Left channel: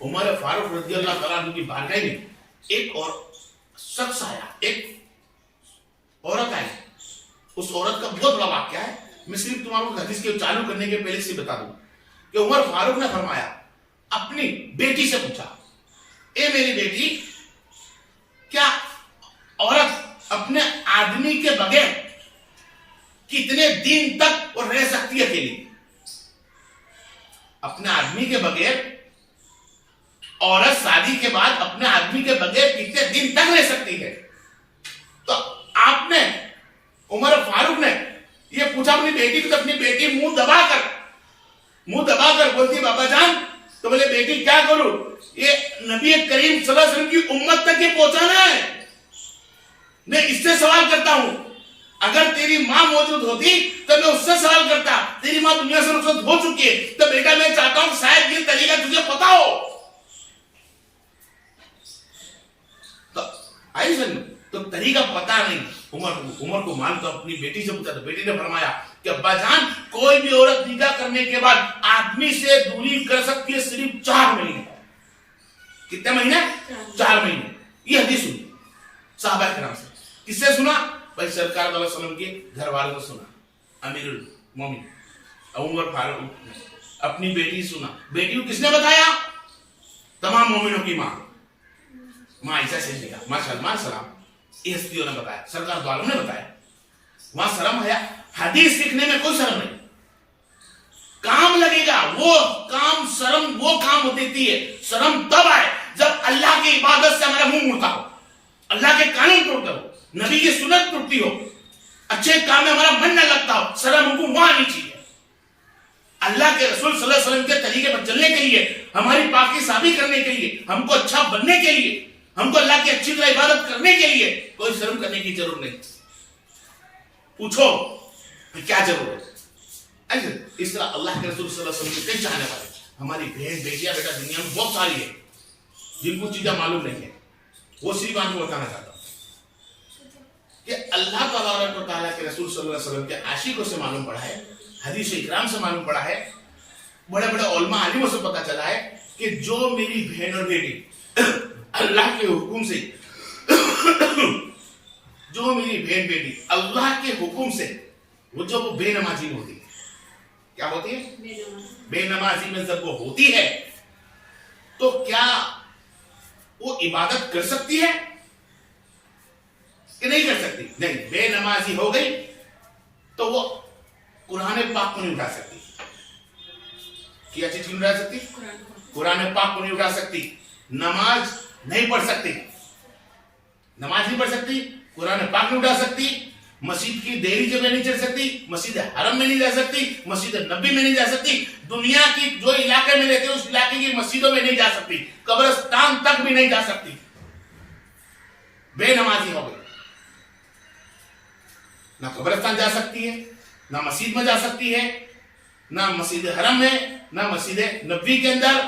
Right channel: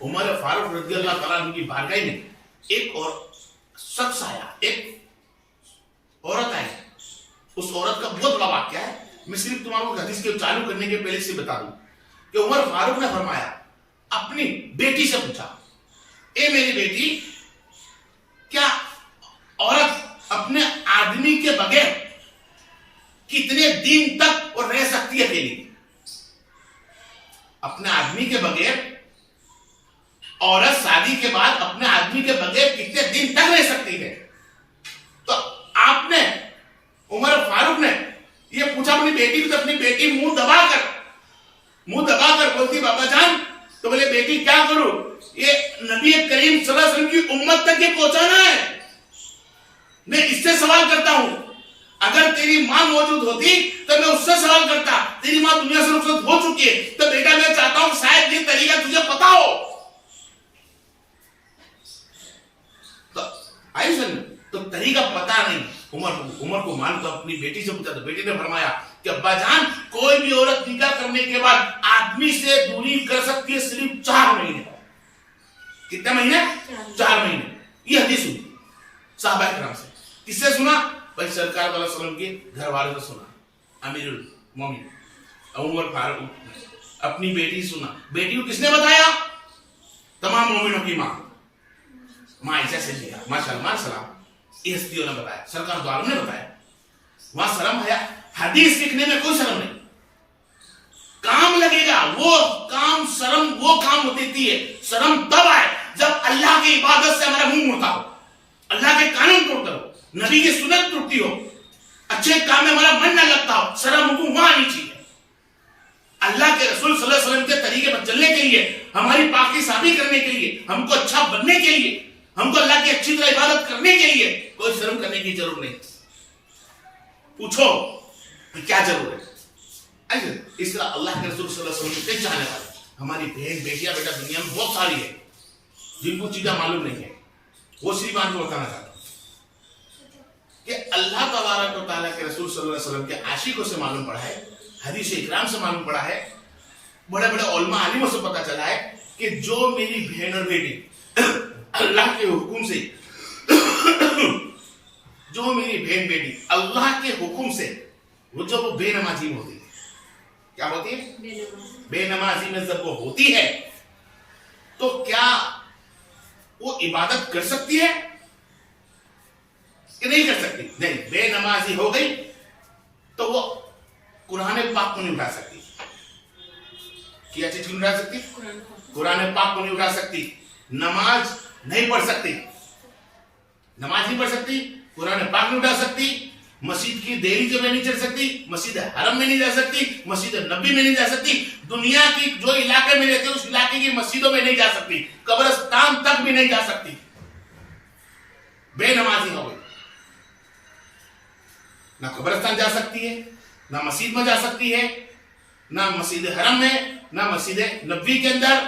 عمر فاروق رضی اللہ تعالیٰ عنہ کی بارگاہ میں ایک اور شخص آیا, ایک عورت آئی. اس عورت کا بہت بڑا واقعہ ہے. میں صرف تمہارے کو حدیث کے چالو کرنے کے پہلے سے بتا دوں کہ عمر فاروق نے فرمایا, اپنی بیٹی سے پوچھا, اے میری بیٹی, کیا عورت اپنے آدمی کے بغیر کتنے دن تک وہ رہ سکتی ہے اکیلی؟ اپنے آدمی کے بغیر عورت شادی کے بعد اپنے آدمی کے بغیر کتنے دن تک رہ سکتی ہے؟ تو آپ نے, عمر فاروق نے یہ پوچھا اپنی بیٹی کو, تو اپنی بیٹی منہ دبا کر بولتی, بابا جان. تو بولے بیٹی کیا کروں, یہ نبی کریم صلی اللہ علیہ وسلم کی امت تک یہ پہنچانا ہے. میں اس سے سوال کرتا ہوں, اگر تیری ماں موجود ہوتی تو میں اس سے سوال کرتا. تیری ماں دنیا سے رخصت ہو چکی ہے, تو بیٹا میں چاہتا ہوں شاید یہ طریقہ تجھے پتا ہو. تو طریقہ پتا نہیں عمر کو مان تو اپنی بیٹی سے پوچھا. تو بیٹی نے فرمایا کہ ابا جان, کوئی بھی عورت نکاح کرنے کے بعد آدمی سے دوری کر سکتی ہے صرف 4 مہینے. کتنے مہینے؟ 4 مہینے. یہ حدیث سنی صحابہ کرام سے. کس سے سنا؟ بھائی سرکار صلی اللہ علیہ وسلم کے گھر والوں سے سنا. امیر المومنین عمر فاروق اپنی بیٹی سنا. بیٹی کو کس نے بتایا؟ تمام مومنوں کی ماں عائشہ سے لیا. ماشاءاللہ سلام. یہ ہستیوں نے بتایا, سرکار دو عالم نے بتایا. وہاں شرم ہے, حدیث سیکھنے میں کوئی شرم نہیں. کام لگے گا وہ کام, شرم وہ کام ہوتی ہے. شرم تب آئے جب اللہ کی عبادت سے ہمارا منہ مڑتا ہو, اللہ کے قانون توڑتا ہو, نبی کی سنت ٹوٹتی ہو, اچھے کام میں ہمارا من نہ لگتا ہو. شرم ہم کو وہاں آنی چاہیے. اللہ کے رسول صلی اللہ علیہ وسلم کے طریقے پر چلنے کے لیے, ہماری پاکی صافی کرنے کے لیے, ہم کو اچھا بننے کے لیے, ہم کو اللہ کی اچھی طرح عبادت کرنے کے لیے کوئی شرم کرنے کی ضرورت نہیں. پوچھو کیا ضرورت ہے؟ اس طرح اللہ کے رسول صلی اللہ علیہ وسلم کے کئی چاہنے والے, ہماری بہن بیٹیاں بیٹا دنیا میں بہت ساری ہے جن کو چیزیں معلوم نہیں ہے. وہ صرف آپ کو بتانا چاہتا ہوں کہ اللہ تبارک و تعالیٰ کے رسول صلی اللہ علیہ وسلم کے عاشقوں سے معلوم پڑا ہے, حدیث اکرام سے معلوم پڑا ہے, بڑے بڑے علماء عالموں سے پتا چلا ہے کہ جو میری بہن اور بیٹی اللہ کے حکم سے, جو میری بہن بیٹی اللہ کے حکم سے, وہ بے نمازی میں ہوتی ہے. کیا ہوتی ہے؟ بے نمازی میں جب وہ ہوتی ہے تو کیا وہ عبادت کر سکتی ہے کہ نہیں کر سکتی؟ نہیں. بے نمازی ہو گئی تو وہ قرآن پاک کو نہیں اٹھا سکتی. کیا چیز نہیں اٹھا سکتی؟ قرآن پاک کو نہیں اٹھا سکتی. نماز نہیں پڑھ سکتی, نماز نہیں پڑھ سکتی, قرآن پاک نہیں اٹھا سکتی, مسجد کی دہلی میں نہیں چل سکتی, مسجد حرم میں نہیں جا سکتی, مسجد نبی میں نہیں جا سکتی, دنیا کی جو علاقے میں رہتے اس علاقے کی مسجدوں میں نہیں جا سکتی, قبرستان تک بھی نہیں جا سکتی. بے نمازی ہو گئی. نہ قبرستان جا سکتی ہے, نہ مسجد میں جا سکتی ہے, نہ مسجد حرم میں, نہ مسجد نبی کے اندر,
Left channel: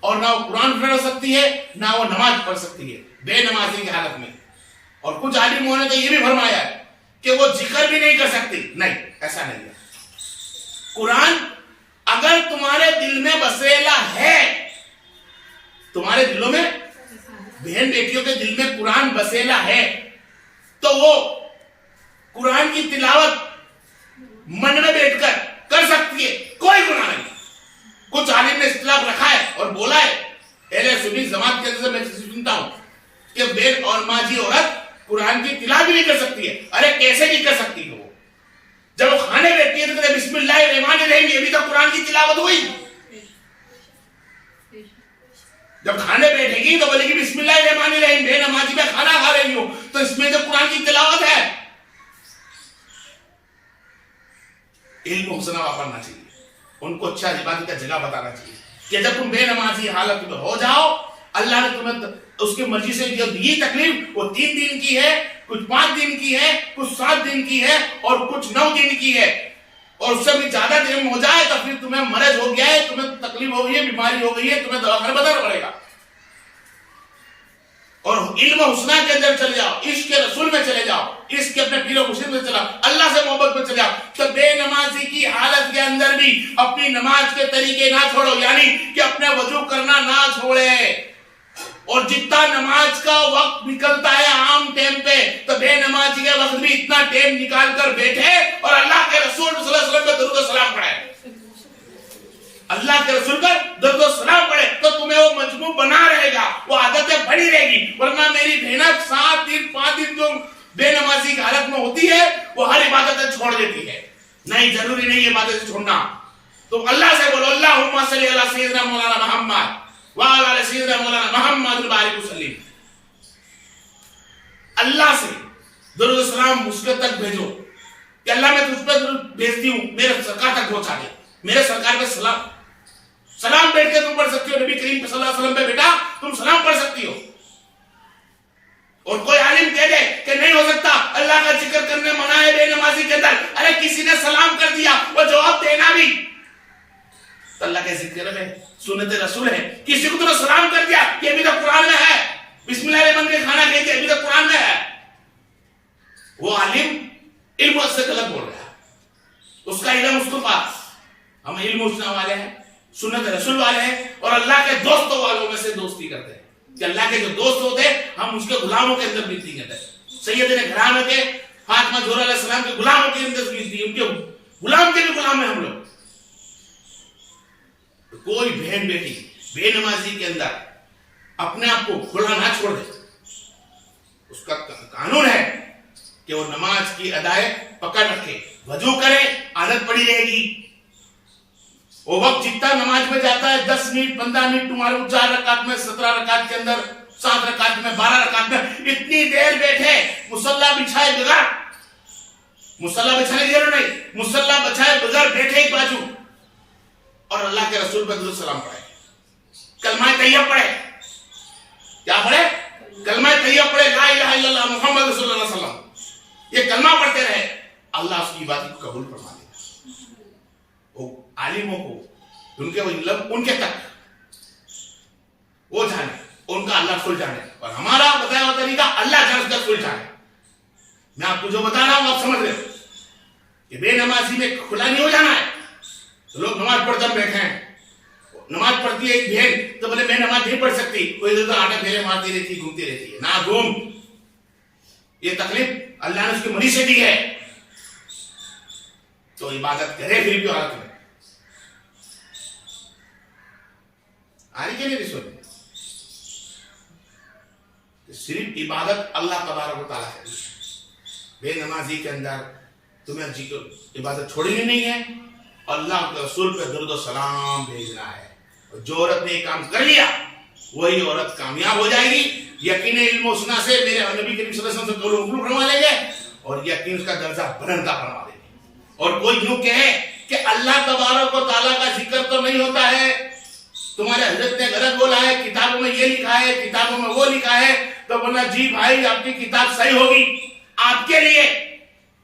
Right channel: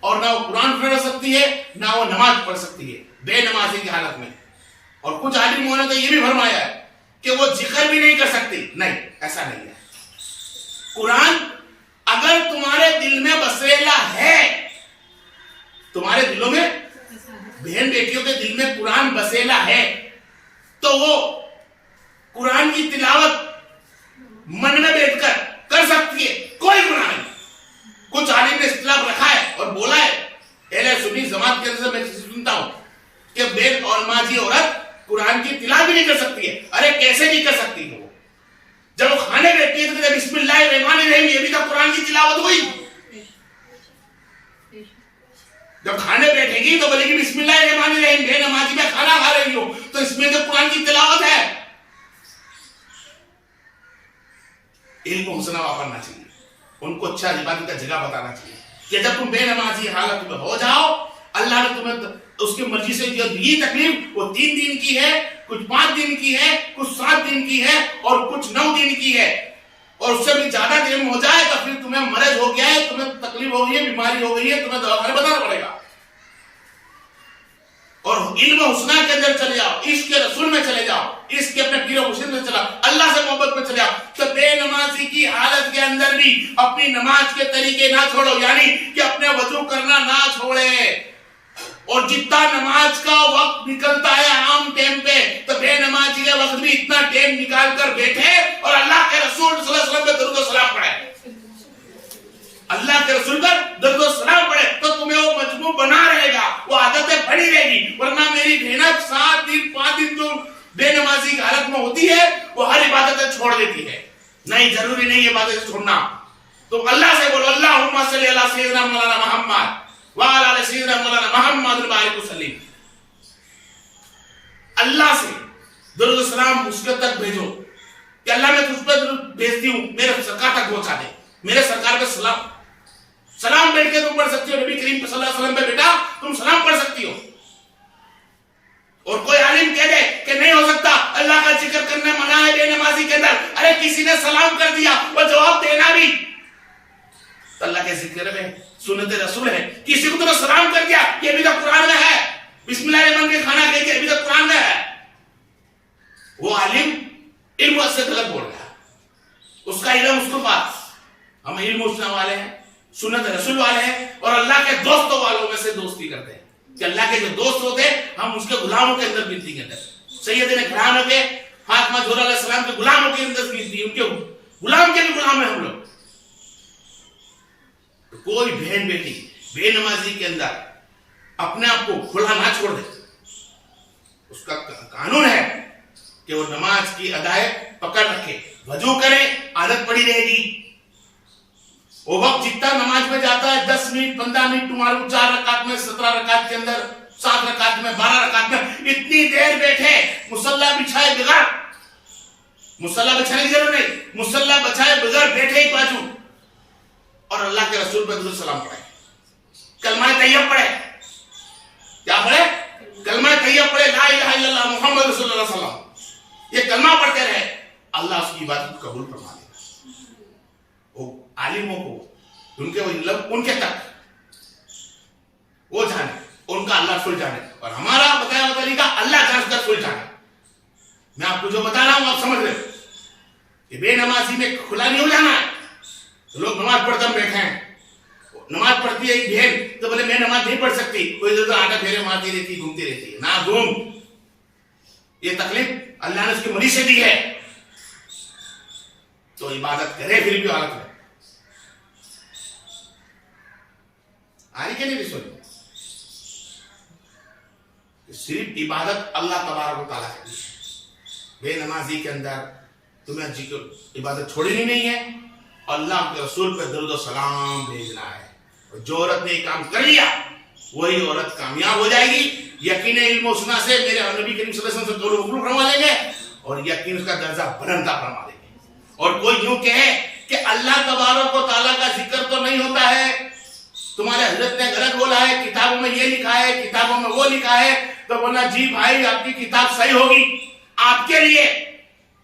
اور نہ وہ قرآن پڑھ سکتی ہے, نہ وہ نماز پڑھ سکتی ہے بے نمازی کی حالت میں. اور کچھ عالموں نے تو یہ بھی فرمایا ہے کہ وہ ذکر بھی نہیں کر سکتی. نہیں, ایسا نہیں ہے. قرآن اگر تمہارے دل میں بسیلا ہے, تمہارے دلوں میں, بہن بیٹیوں کے دل میں قرآن بسیلا ہے, تو وہ قرآن کی تلاوت من میں بیٹھ کر سکتی ہے, کوئی گناہ نہیں. کچھ عالم نے اختلاف رکھا ہے اور بولا ہے, اہل سنی جماعت کے اندر میں سنتا ہوں کہ بے اور ماجی عورت قرآن کی تلاوت نہیں کر سکتی ہے. ارے کیسے نہیں کر سکتی ہے؟ وہ جب وہ کھانے بیٹھتی ہے تو کہتے بسم اللہ الرحمن الرحیم, یہ بھی تو قرآن کی تلاوت ہوئی. جب کھانے بیٹھے گی تو بولے گی بسم اللہ الرحمن الرحیم, بے نمازی میں کھانا کھا رہی ہوں, تو اس میں جو قرآن کی تلاوت ہے. علم حسنہ واپرنا چاہیے, ان کو اچھا عبادت کا جگہ بتانا چاہیے کہ جب تم بے نمازی حالت میں ہو جاؤ, اللہ نے تمہیں اس کی مرضی سے یہ تکلیف, وہ 3 دن کی ہے, کچھ 5 دن کی ہے, کچھ 7 دن کی ہے, اور کچھ 9 دن کی ہے, اور اس سے بھی زیادہ دن ہو جائے تو پھر تمہیں مرض ہو گیا ہے, تمہیں تکلیف ہو گئی ہے, بیماری ہو گئی ہے, تمہیں دواخانے بتانا پڑے گا. اور علم حسنہ کے اندر چلے جاؤ, عشق کے رسول میں چلے جاؤ, عشق کے اپنے پیر و مرشد میں چلے جاؤ, اللہ سے محبت میں چلے جاؤ, تو بے نمازی کی حالت کے اندر بھی اپنی نماز کے طریقے نہ چھوڑو, یعنی کہ اپنے وضو کرنا نہ چھوڑے. اور جتنا نماز کا وقت نکلتا ہے عام ٹائم پہ تو بے نمازی کے وقت بھی اتنا ٹائم نکال کر بیٹھے اور اللہ کے رسول صلی اللہ علیہ وسلم پہ درود و سلام پڑھے، اللہ کے رسول پر درود و سلام پڑھے تو تمہیں وہ مجموع بنا رہے گا، وہ عادتیں بڑی رہے گی. ورنہ میری بہنت 7 دن 5 دن جو بے نمازی کی حالت میں ہوتی ہے وہ ہر عبادتیں چھوڑ دیتی ہے. نہیں، ضروری نہیں عبادتیں چھوڑنا. تم اللہ سے بولو اللہم صلی علی سیدنا مولانا محمد وعلی آل سیدنا مولانا محمد البارک وسلم. اللہ سے درود و سلام اس کے تک بھیجو کہ اللہ میں تجھ پہ درود بھیجتی ہوں، میرے سرکار تک پہنچا دے. میرے سرکار پہ سلام بیٹھ کے تم پڑھ سکتی ہو، نبی کریم صلی اللہ علیہ وسلم پہ بیٹا تم سلام پڑھ سکتی ہو. اور کوئی عالم کہہ دے کہ نہیں ہو سکتا، اللہ کا ذکر کرنے منع ہے بے نمازی کے اندر، ارے کسی نے سلام کر دیا وہ جواب دینا بھی اللہ کے ذکر میں سنت رسول ہے. کسی کو تو سلام کر دیا، یہ بھی تو قرآن میں ہے، بسم اللہ الرحمن کے کھانا کہہ کے یہ بھی تو قرآن میں ہے. وہ عالم علم سے غلط بول رہا ہے، اس کا علم اس کو پاس. ہم علم اسنا والے ہیں، سنت رسول والے ہیں اور اللہ کے دوستوں والوں میں سے دوستی کرتے ہیں کہ اللہ کے جو دوست ہوتے ہیں ہم اس کے غلاموں کے اندر گنتی کرتے ہیں. سیدنا گھرانوں کے فاطمہ زہرا علیہ السلام کے غلاموں کے اندر گنتی، ان کے غلام کے بھی غلام ہیں ہم لوگ. کوئی بہن بیٹی بے نمازی کے اندر اپنے آپ کو کھلا نہ چھوڑ دے. اس کا قانون ہے کہ وہ نماز کی ادائے پکڑ رکھے، وضو کرے، عادت پڑی رہے گی. وہ وقت جتنا نماز میں جاتا ہے 10 منٹ 15 منٹ تمہارے 4 رکعت میں 17 رکعت کے اندر 7 رکعت میں 12 رکعت میں اتنی دیر بیٹھے مصلی بچھائے بغیر، مصلی بچھانے کی ضرورت نہیں، مصلی بچھائے بغیر بیٹھے ایک بازو اور اللہ کے رسول پر درود سلام پڑھے، کلمہ طیب پڑھے. کیا پڑھے؟ کلمہ طیب پڑھے، لا الہ الا اللہ محمد رسول اللہ صلی اللہ علیہ وسلم. یہ کلمہ پڑھتے رہے، اللہ اس کی عبادت کو قبول فرما دے گا. وہ عالموں کو ان کے تک وہ جانے، ان کا اللہ رسول جانے اور ہمارا بتایا ہوا طریقہ اللہ کا رسول جانے. میں آپ کو جو بتا رہا ہوں آپ سمجھ رہے ہو کہ بے نمازی میں کھلا نہیں ہو جانا ہے. لوگ نماز پڑھتے بیٹھے ہیں، نماز پڑھتی ہے ایک بہن تو بولے میں نماز نہیں پڑھ سکتی، کوئی ادھر آٹا پھیرے مارتی رہتی گھومتی رہتی ہے. نہ گھوم، یہ تکلیف اللہ نے اس کی منی سے دی ہے تو عبادت کرے پھر بھی حالت میں آنے کے لیے رسول صرف عبادت اللہ تبارک و تعالیٰ ہے. بے نمازی کے اندر تمہیں عبادت چھوڑنی نہیں ہے، اللہ کے رسول پہ درود و سلام بھیجنا ہے. اور جو عورت نے یہ کام کر لیا وہی عورت کامیاب ہو جائے گی. یقین علم و سنا سے میرے نبی کریم صلی اللہ علیہ وسلم سے قول قبول فرما لیں گے اور یقین اس کا درجہ بلندہ فرما دیں گے. اور کوئی یوں کہے کہ اللہ تبارک و تعالیٰ کا ذکر تو نہیں ہوتا ہے، تمہارے حضرت نے غلط بولا ہے، کتابوں میں یہ لکھا ہے، کتابوں میں وہ لکھا ہے، تو بولنا جی بھائی آپ کی کتاب صحیح ہوگی آپ کے لیے.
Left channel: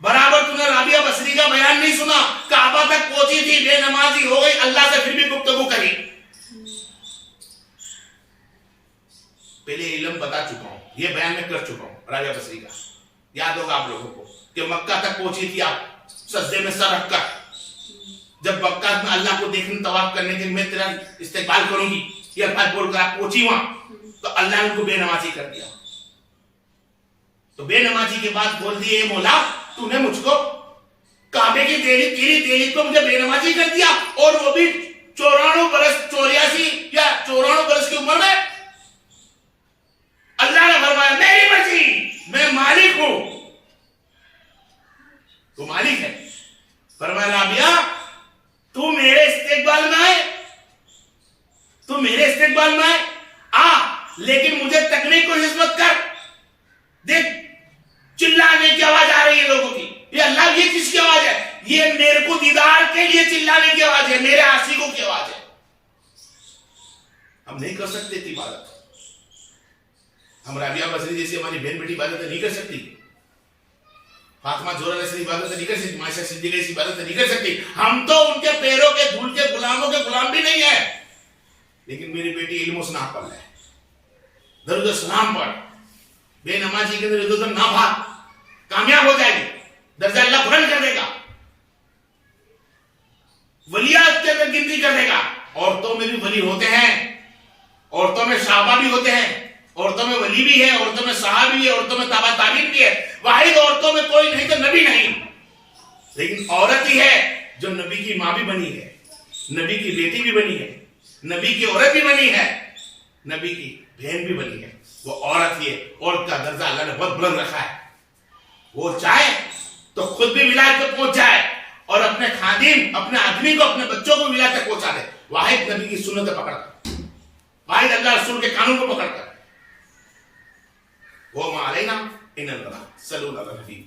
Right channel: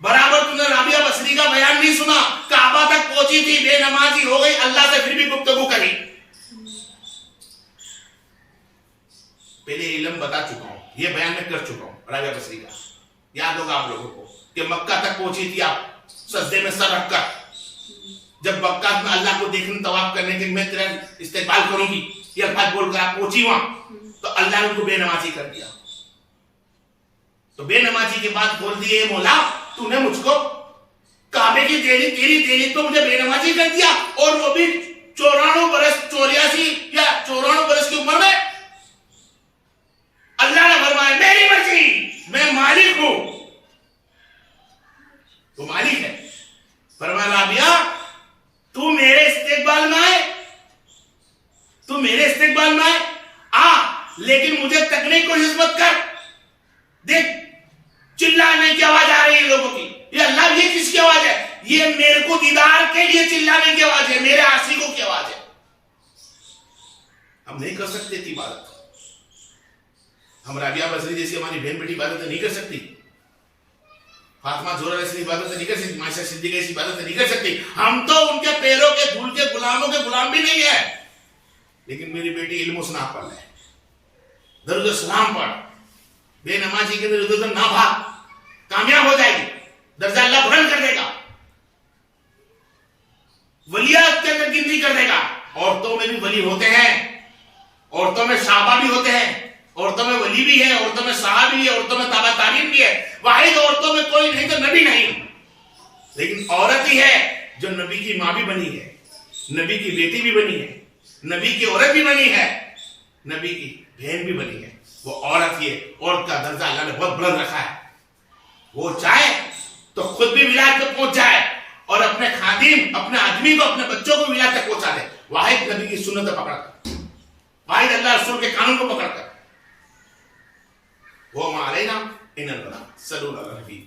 برابر تم نے رابعہ بصری کا بیان نہیں سنا، کعبہ تک پہنچی تھی، بے نمازی ہو گئی، اللہ سے پھر بھی گفتگو کری. پہلے علم بتا چکا ہوں، یہ بیان میں کر چکا ہوں رابعہ بصری کا، یاد ہوگا آپ لوگوں کو کہ مکہ تک پہنچی تھی آپ سجدے میں سر رکھ کر. جب مکہ میں اللہ کو دیکھنے طواف کرنے کے میں تیرا استقبال کروں گی یہ الفاظ بول کر آپ پہنچی وہاں تو اللہ نے ان کو بے نمازی کر دیا. تو بے نمازی کے بعد بول دیے اے مولا تو نے مجھ کو کعبے کی تیری تو مجھے بے نمازی کر دیا، اور وہ بھی 84 برس 84 یا 94 برس کی عمر میں. اللہ نے فرمایا میری مرضی، میں مالک ہوں. تو مالک ہے. فرمایا رابعہ تو میرے استقبال میں آئے، تو میرے استقبال میں آئے آ، لیکن مجھے تکنے کو خدمت کر. دیکھ چلانے کی آواز آ رہی ہے لوگوں کی، یہ اللہ یہ کس کی آواز ہے؟ یہ میرے کو دیدار کے لیے چلانے کی آواز ہے، میرے عاشقوں کی آواز ہے. ہم نہیں کر سکتے تھی عبادت، ہم رابعہ بصری جیسی ہماری بہن بیٹی عبادت نہیں کر سکتی، فاطمہ زہرا جیسی عبادت نہیں کر سکتی، عائشہ صدیقہ جیسی عبادت نہیں کر سکتی. ہم تو ان کے پیروں کے دھول کے غلاموں کے غلام بھی نہیں ہے. لیکن میری بیٹی علم و سنا پڑھ لے، درود و سلام پڑھ، بے نمازی کے اندر ادھر نہ بھاگ، کامیاب ہو جائے گی، درجہ اللہ بلند کر دے گا، ولیات کے اندر گنتی کر دے گا. عورتوں میں بھی ولی ہوتے ہیں، عورتوں میں صحابہ بھی ہوتے ہیں، عورتوں میں ولی بھی ہے, عورتوں میں صحابی بھی ہے, عورتوں میں تابع تابعین بھی ہے, واحد عورتوں میں کوئی نہیں تو نبی نہیں. لیکن عورت ہی ہے جو نبی کی ماں بھی بنی ہے, نبی کی بیٹی بھی بنی ہے, نبی کی عورت بھی بنی ہے, نبی کی بہن بھی بنی ہے. وہ عورت ہی ہے. عورت کا درجہ اللہ نے بہت بلند رکھا ہے. وہ چاہے تو خود بھی ولایت تک پہنچ جائے اور اپنے خادم, اپنے آدمی کو, اپنے بچوں کو ولایت تک پہنچا دے, واحد نبی کی سنت پکڑ کر, واحد اللہ رسول کے قانون کو پکڑ کر. وہ ما علینا ان البلاغ. صلو علی النبی.